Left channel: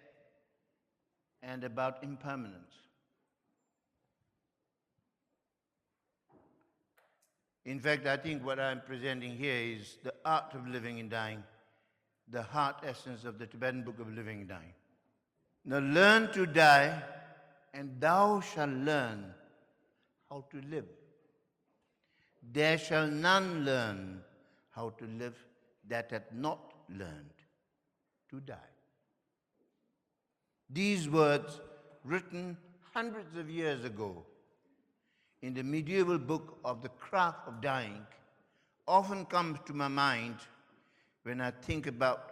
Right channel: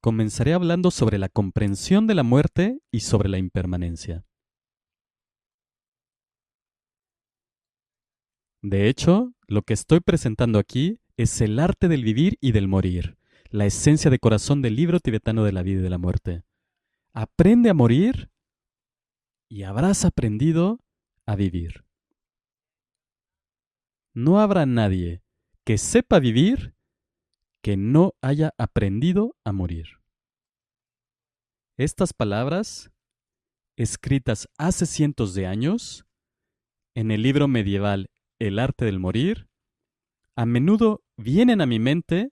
Comenzaré hablando sobre la comprensión de la muerte y sobre la impermanencia. De hecho, lo que estoy presentando aquí es el arte del vivir y del morir, la esencia de corazón del libro tibetano de la vida y de la muerte. Aprende a morir y habrás aprendido a vivir. No habrá nadie que sepa vivir que no haya aprendido a morir. Estas palabras, escritas hace cientos de años en el libro medieval El arte del morir, a menudo vienen a mi mente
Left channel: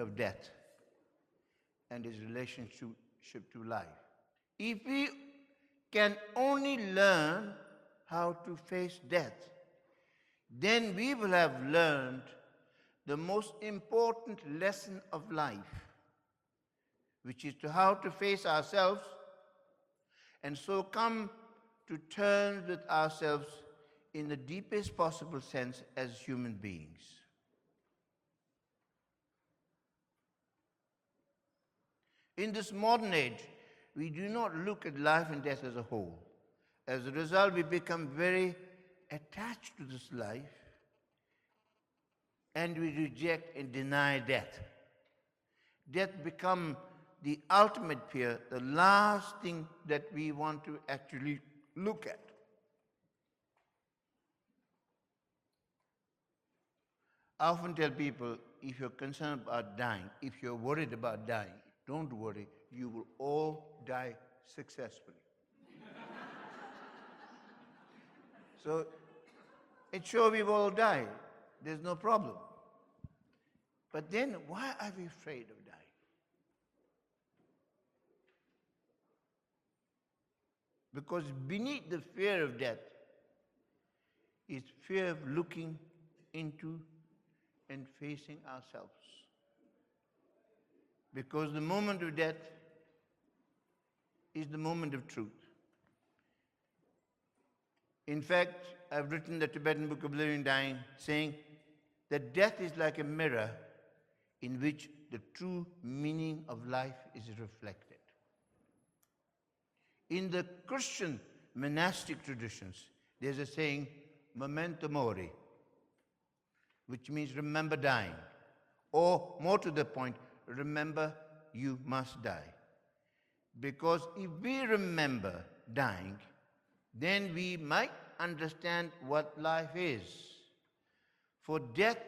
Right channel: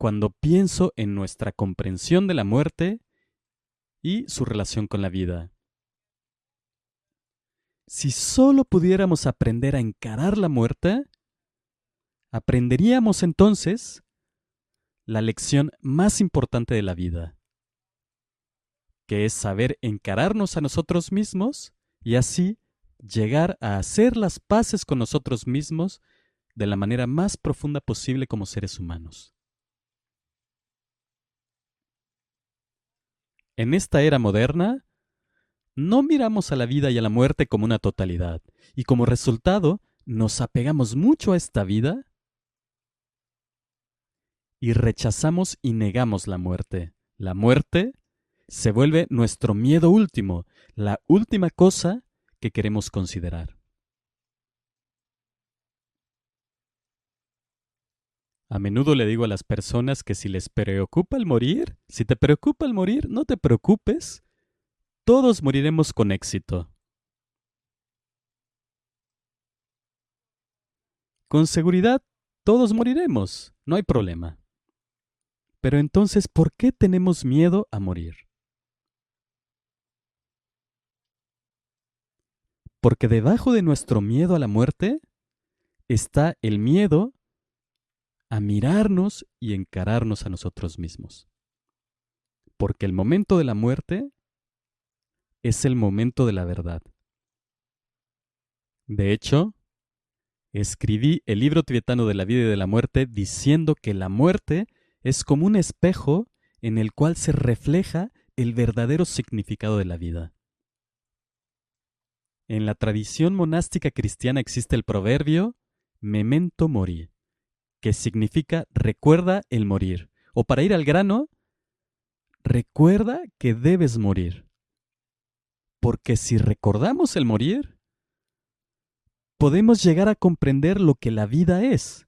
cuando pienso en nuestra comprensión de la muerte y su relación con la vida. Si solo pudiéramos aprender a encarar la muerte, aprenderíamos entonces la lección más importante de la vida, que es saber encararnos a nosotros mismos y así llegar a hacer las paces con nosotros mismos de la manera más profunda posible como seres humanos. En esta era moderna, no miramos a la vida y a la muerte como una totalidad, y como resultado, nos apegamos mucho a esta vida y rechazamos y negamos la muerte. La muerte se vuelve nuestro miedo último, la última cosa que queremos considerar. A menudo le digo a las personas que si les preocupa el morir, si te preocupa el morir, no te preocupes, todos moriremos con éxito. Con seguridad, todos moriremos, no hay problema. Pero entonces, ¿por qué tenemos miedo a morir? Porque debajo de nuestro miedo a la muerte está el miedo a mirarnos y encararnos a nosotros mismos. Porque el momento de la muerte es el momento de la verdad. De hecho, escribí el libro tibetano de la vida y de la muerte diciendo que la muerte es como un espejo en el cual se refleja el verdadero significado de la vida. En la tradición monástica cristiana existe el proverbio memento mori, que significa recuerda el morir. O para ir al grano, recuerda que debes morir. Porque si recordamos el morir, podemos llegar a comprender lo que la vida es.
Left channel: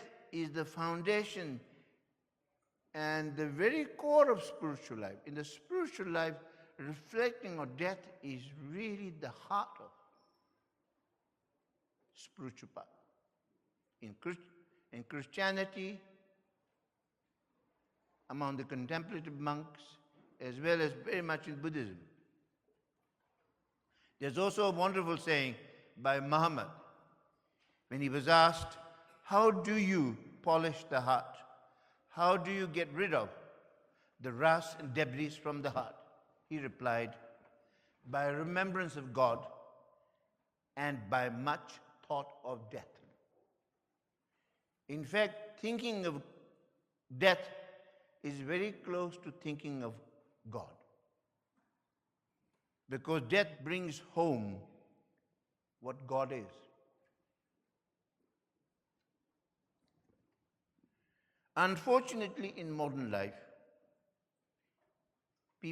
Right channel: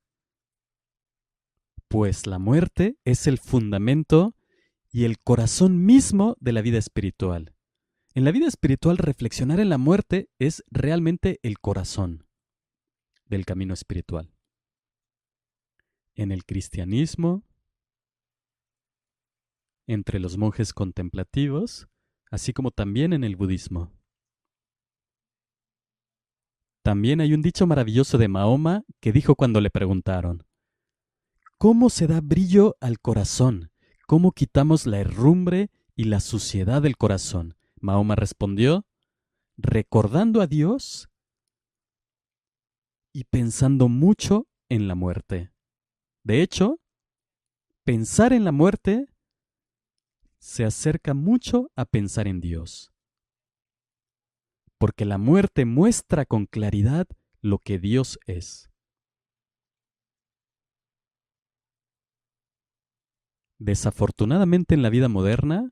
Pues la muerte es el fundamento y el corazón mismo de la vida espiritual. En la vida espiritual, reflexionar en la muerte es realmente el corazón del camino espiritual. En el cristianismo, entre los monjes contemplativos, así como también en el budismo. También hay un dicho maravilloso de Mahoma que dijo cuando le preguntaron, ¿cómo se da brillo al corazón? ¿Cómo quitamos la herrumbre y la suciedad del corazón? Mahoma respondió, recordando a Dios y pensando mucho en la muerte. De hecho, pensar en la muerte se acerca mucho a pensar en Dios, porque la muerte muestra con claridad lo que Dios es. Desafortunadamente en la vida moderna,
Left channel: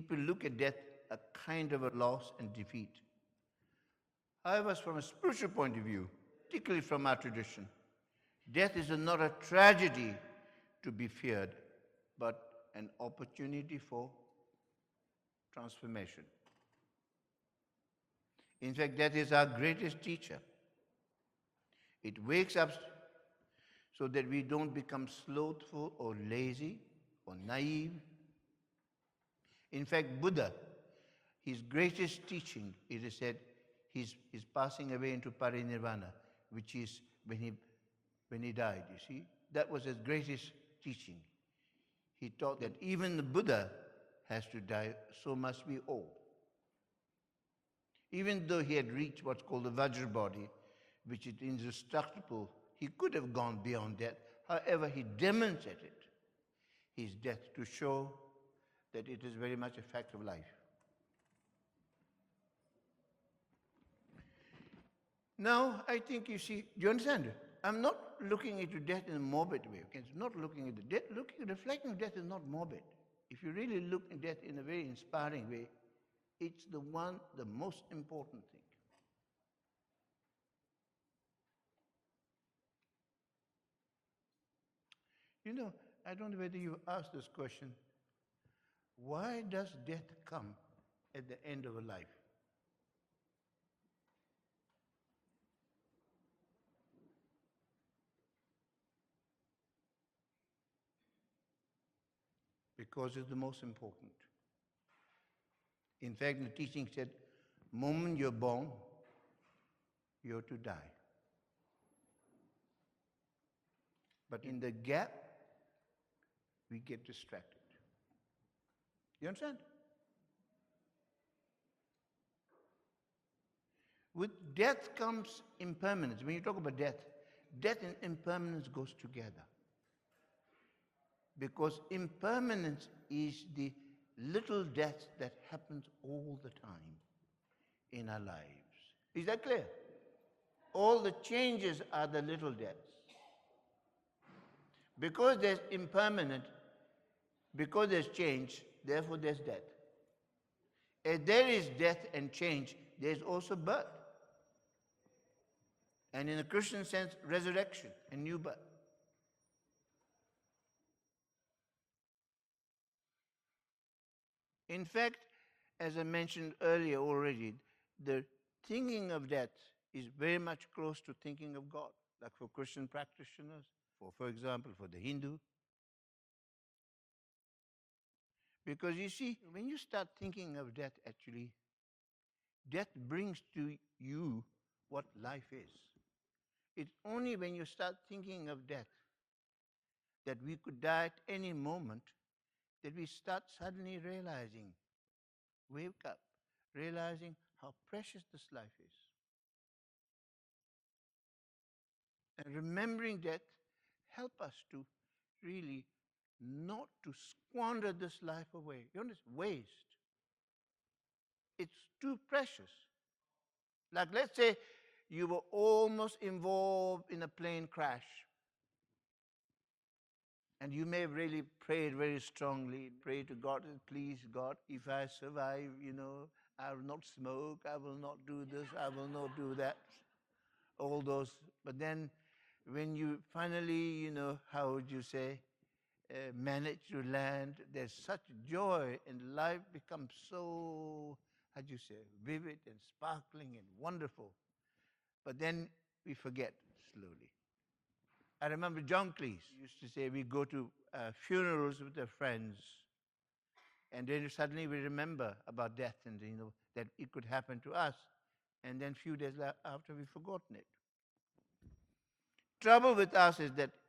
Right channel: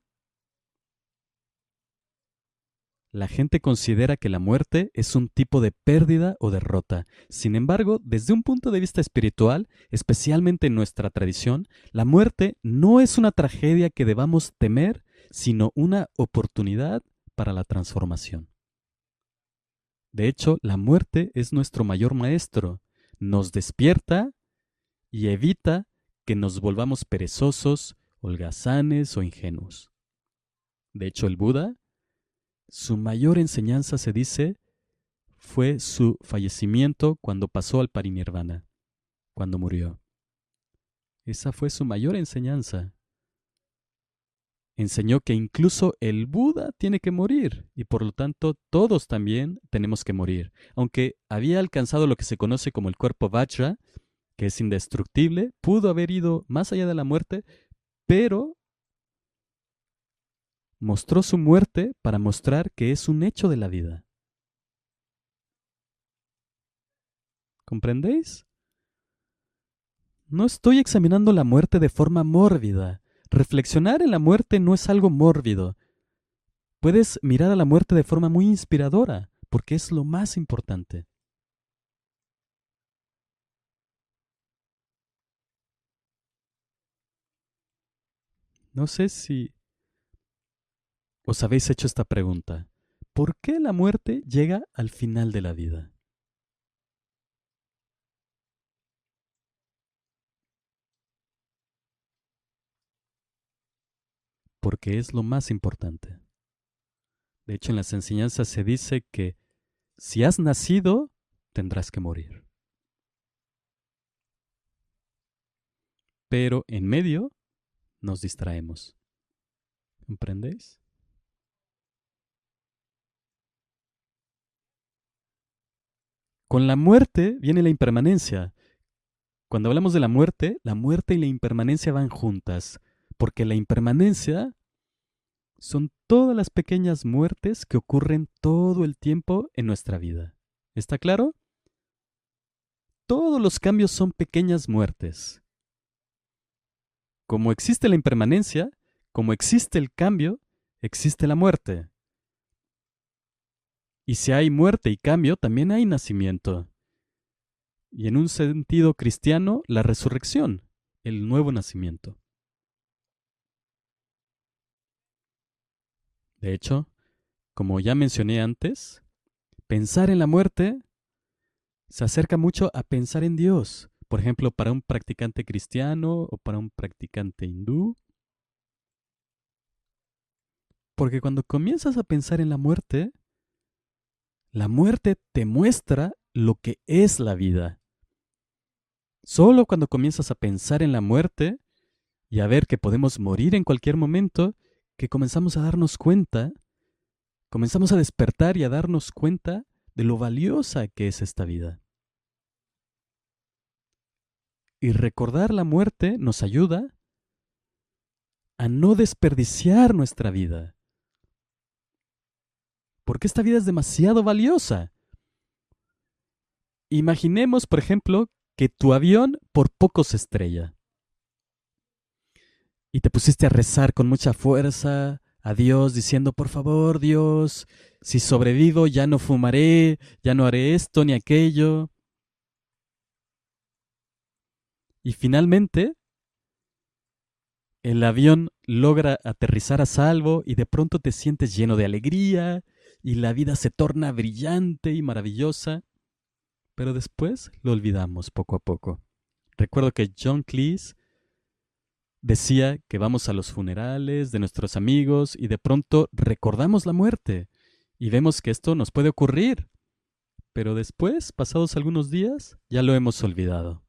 la gente considera que la muerte es un tipo de pérdida o derrota. Sin embargo, desde un punto de vista espiritual, especialmente en nuestra tradición, la muerte no es una tragedia que debamos temer, sino una oportunidad para la transformación. De hecho, la muerte es nuestro mayor maestro. Nos despierta y evita que nos volvamos perezosos, holgazanes o ingenuos. De hecho, el Buda, su mayor enseñanza, se dice, fue su fallecimiento cuando pasó al parinirvana, cuando murió. Esa fue su mayor enseñanza. Enseñó que incluso el Buda tiene que morir y por lo tanto todos también tenemos que morir. Aunque había alcanzado lo que se conoce como el cuerpo Vajra, que es indestructible, pudo haber ido más allá de la muerte, pero mostró su muerte para mostrar que es un hecho de la vida. ¿Comprendéis? No estoy examinando la muerte de forma mórbida. Reflexionar en la muerte no es algo mórbido. Puedes mirar a la muerte de forma muy inspiradora, porque es lo más importante. No sé si os habéis hecho esta pregunta. ¿Por qué la muerte llega al final de la vida? Porque es lo más importante. De hecho, en las enseñanzas se dice que si has nacido, tendrás que morir. Pero en medio nos distraemos. ¿Comprendéis? Con la muerte viene la impermanencia. Cuando hablamos de la muerte y la impermanencia van juntas, porque la impermanencia son todas las pequeñas muertes que ocurren todo el tiempo en nuestra vida. ¿Está claro? Todos los cambios son pequeñas muertes. Como existe la impermanencia, como existe el cambio, existe la muerte. Y si hay muerte y cambio, también hay nacimiento. Y en un sentido cristiano, la resurrección, el nuevo nacimiento. De hecho, como ya mencioné antes, pensar en la muerte se acerca mucho a pensar en Dios. Por ejemplo, para un practicante cristiano o para un practicante hindú. Porque cuando comienzas a pensar en la muerte te muestra lo que es la vida. Solo cuando comienzas a pensar en la muerte y a ver que podemos morir en cualquier momento, que comenzamos a darnos cuenta, comenzamos a despertar y a darnos cuenta de lo valiosa que es esta vida. Y recordar la muerte nos ayuda a no desperdiciar nuestra vida. Porque esta vida es demasiado valiosa. Imaginemos, por ejemplo, que tu avión por poco se estrella. Y te pusiste a rezar con mucha fuerza a Dios, diciendo, por favor, Dios, si sobrevivo ya no fumaré, ya no haré esto ni aquello. Y finalmente, el avión logra aterrizar a salvo y de pronto te sientes lleno de alegría y la vida se torna brillante y maravillosa. Pero después lo olvidamos poco a poco. Recuerdo que John Cleese decía que vamos a los funerales de nuestros amigos y de pronto recordamos la muerte y vemos que esto nos puede ocurrir. Pero después, pasados algunos días, ya lo hemos olvidado.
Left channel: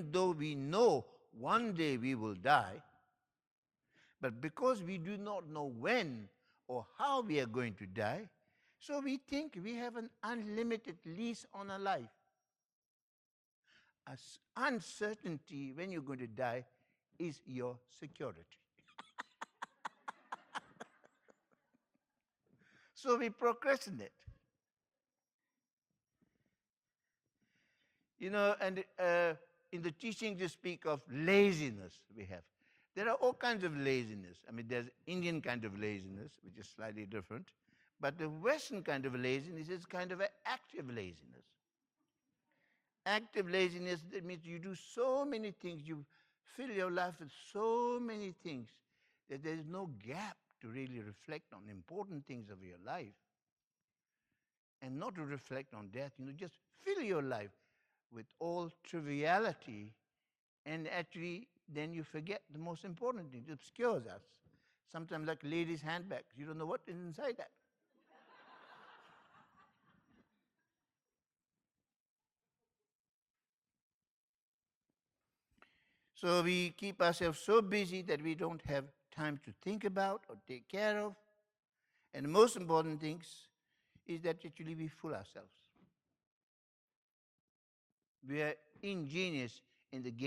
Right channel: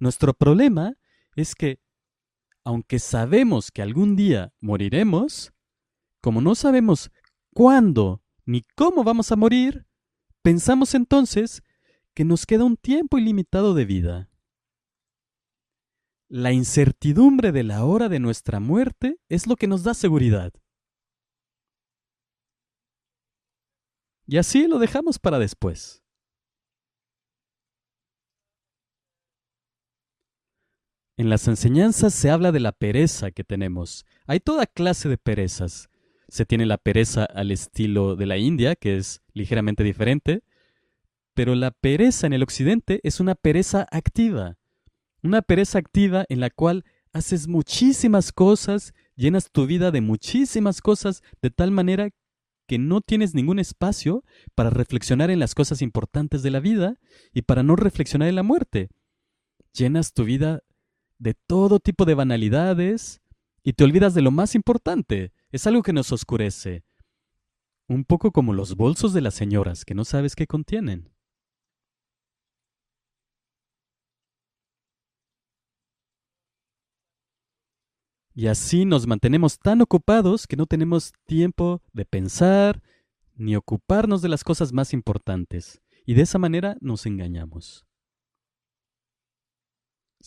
Nuestro problema es que, aunque sabemos que algún día moriremos, como no sabemos cuándo ni cómo vamos a morir, pensamos entonces que nos queda un tiempo ilimitado de vida. La incertidumbre de la hora de nuestra muerte es lo que nos da seguridad. Y así lo dejamos para después. En las enseñanzas se habla de la pereza que tenemos. Hay toda clase de perezas. Se tiene la pereza al estilo de la India, que es ligeramente diferente, pero la pereza en el occidente es una pereza activa. Una pereza activa en la cual haces muchísimas cosas, llenas tu vida de muchísimas cosas, de tal manera que no tienes ningún espacio para reflexionar en las cosas importantes de la vida y para no reflexionar en la muerte. Llenas tu vida de todo tipo de banalidades y te olvidas de lo más importante. Es algo que nos oscurece. Un poco como los bolsos de las señoras, que no sabes qué contienen. Y así nos mantenemos tan ocupados que no tenemos tiempo de pensar ni ocuparnos de las cosas más importantes. Y de esa manera nos engañamos.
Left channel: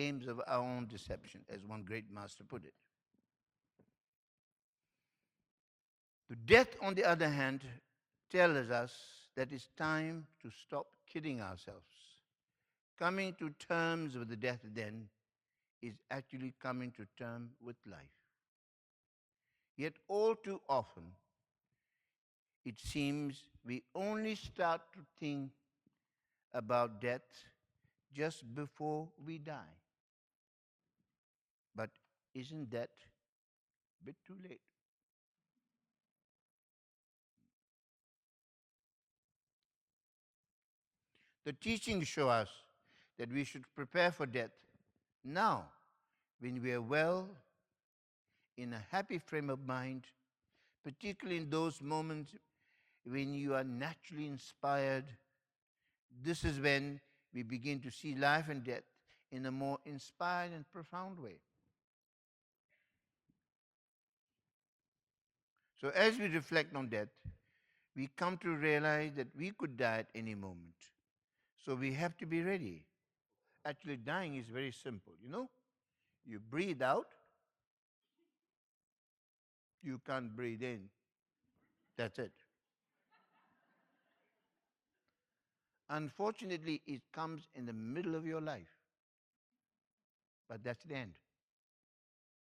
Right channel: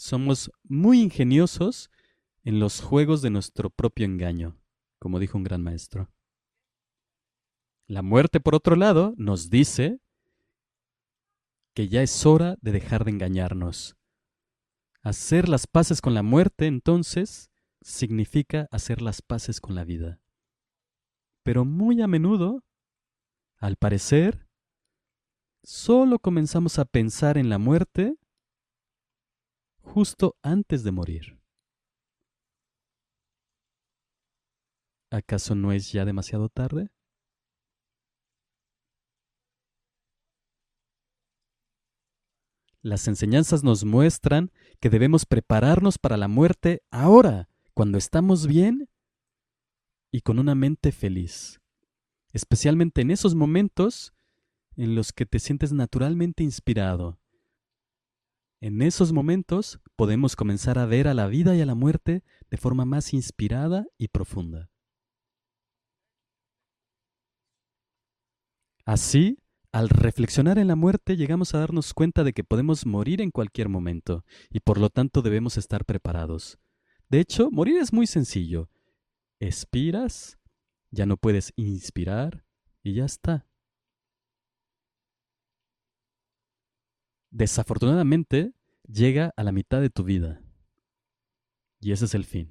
Somos muy ingeniosos en los juegos de nuestro propio engaño, como dijo un gran maestro. La muerte, por otro lado, nos dice que ya es hora de dejar de engañarnos. Hacer las paces con la muerte, entonces, significa hacer las paces con la vida. Pero muy a menudo, al parecer, solo comenzamos a pensar en la muerte justo antes de morir. ¿Acaso no es ya demasiado tarde? Las enseñanzas nos muestran que debemos prepararnos para la muerte ahora, cuando estamos bien y con una mente feliz, especialmente en esos momentos en los que te sientes naturalmente inspirado. En esos momentos podemos comenzar a ver a la vida y a la muerte de forma más inspirada y profunda. Así, al reflexionar en la muerte, llegamos a darnos cuenta de que podemos morir en cualquier momento y por lo tanto debemos estar preparados. De hecho, morir es muy sencillo. Expiras, ya no puedes inspirar y ya está. Desafortunadamente, llega a la mitad de tu vida y ese es el fin.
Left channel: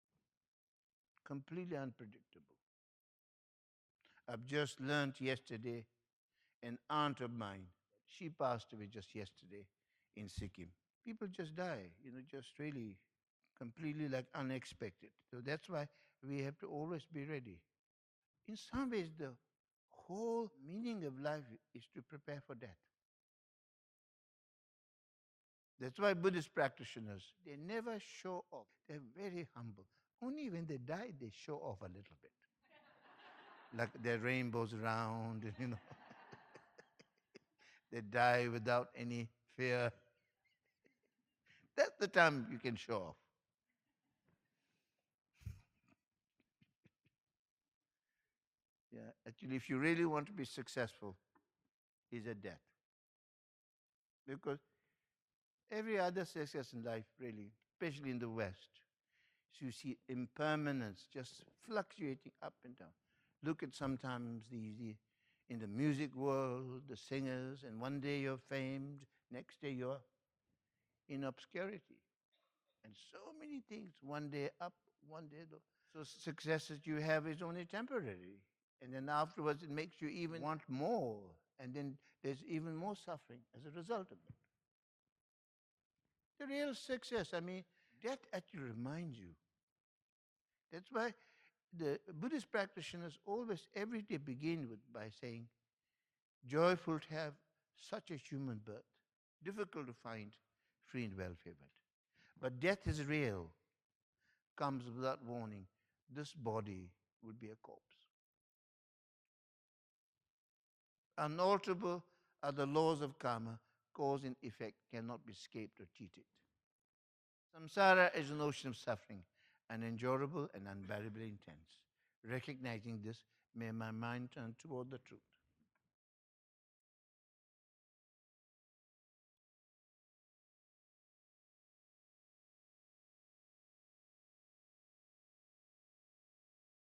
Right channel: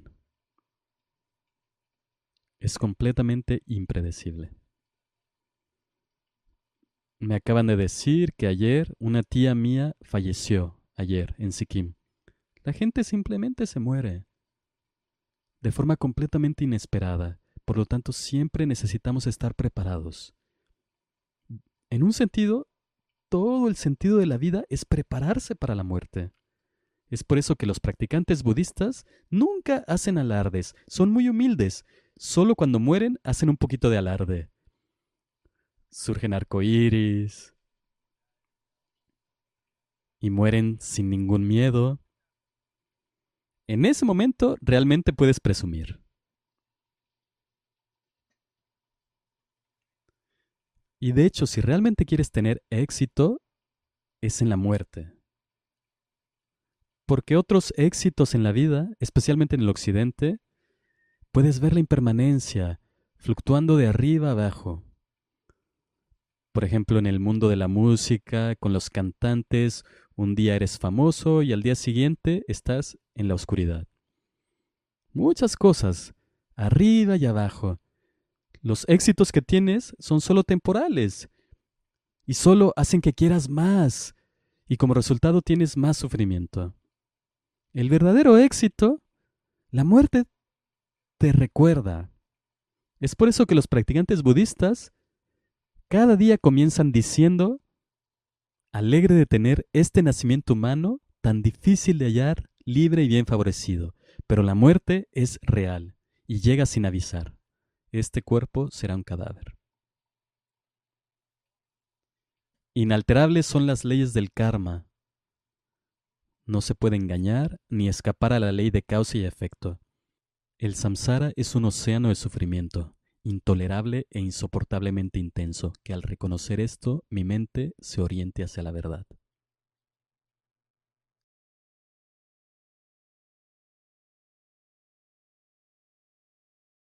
Es completamente impredecible. Me acaban de decir que ayer una tía mía falleció, ayer, en Sikkim. La gente simplemente se muere de forma completamente inesperada. Por lo tanto, siempre necesitamos estar preparados. En un sentido, todo el sentido de la vida es prepararse para la muerte. Es por eso que los practicantes budistas nunca hacen alardes, son muy humildes. Solo cuando mueren hacen un poquito de alarde. Surgen arcoíris y mueren sin ningún miedo. En ese momento realmente puedes presumir. Y de hecho, si realmente quieres tener éxito, es en la muerte. Porque otros éxitos en la vida, especialmente en el occidente, puedes ver la impermanencia, fluctuando de arriba a abajo. Por ejemplo, en el mundo de la música, con los cantantes, un día eres famoso y al día siguiente estás en la oscuridad. Muchas cosas, arriba y abajo. Los éxitos que tienes son solo temporales y solo hacen que quieras más. Y como resultado tienes más sufrimiento. El verdadero éxito, la muerte, te recuerda. Es por eso que los practicantes budistas cada día comienzan diciendo, alegre de tener este nacimiento humano tan difícil de hallar, libre y bien favorecido. Pero la muerte es real y llega sin avisar. Este cuerpo será un cadáver. Inalterables son las leyes del karma. No se puede engañar ni escapar a la ley de causa y efecto. El samsara es un océano de sufrimiento, intolerable e insoportablemente intenso, que al reconocer esto, mi mente se oriente hacia la verdad.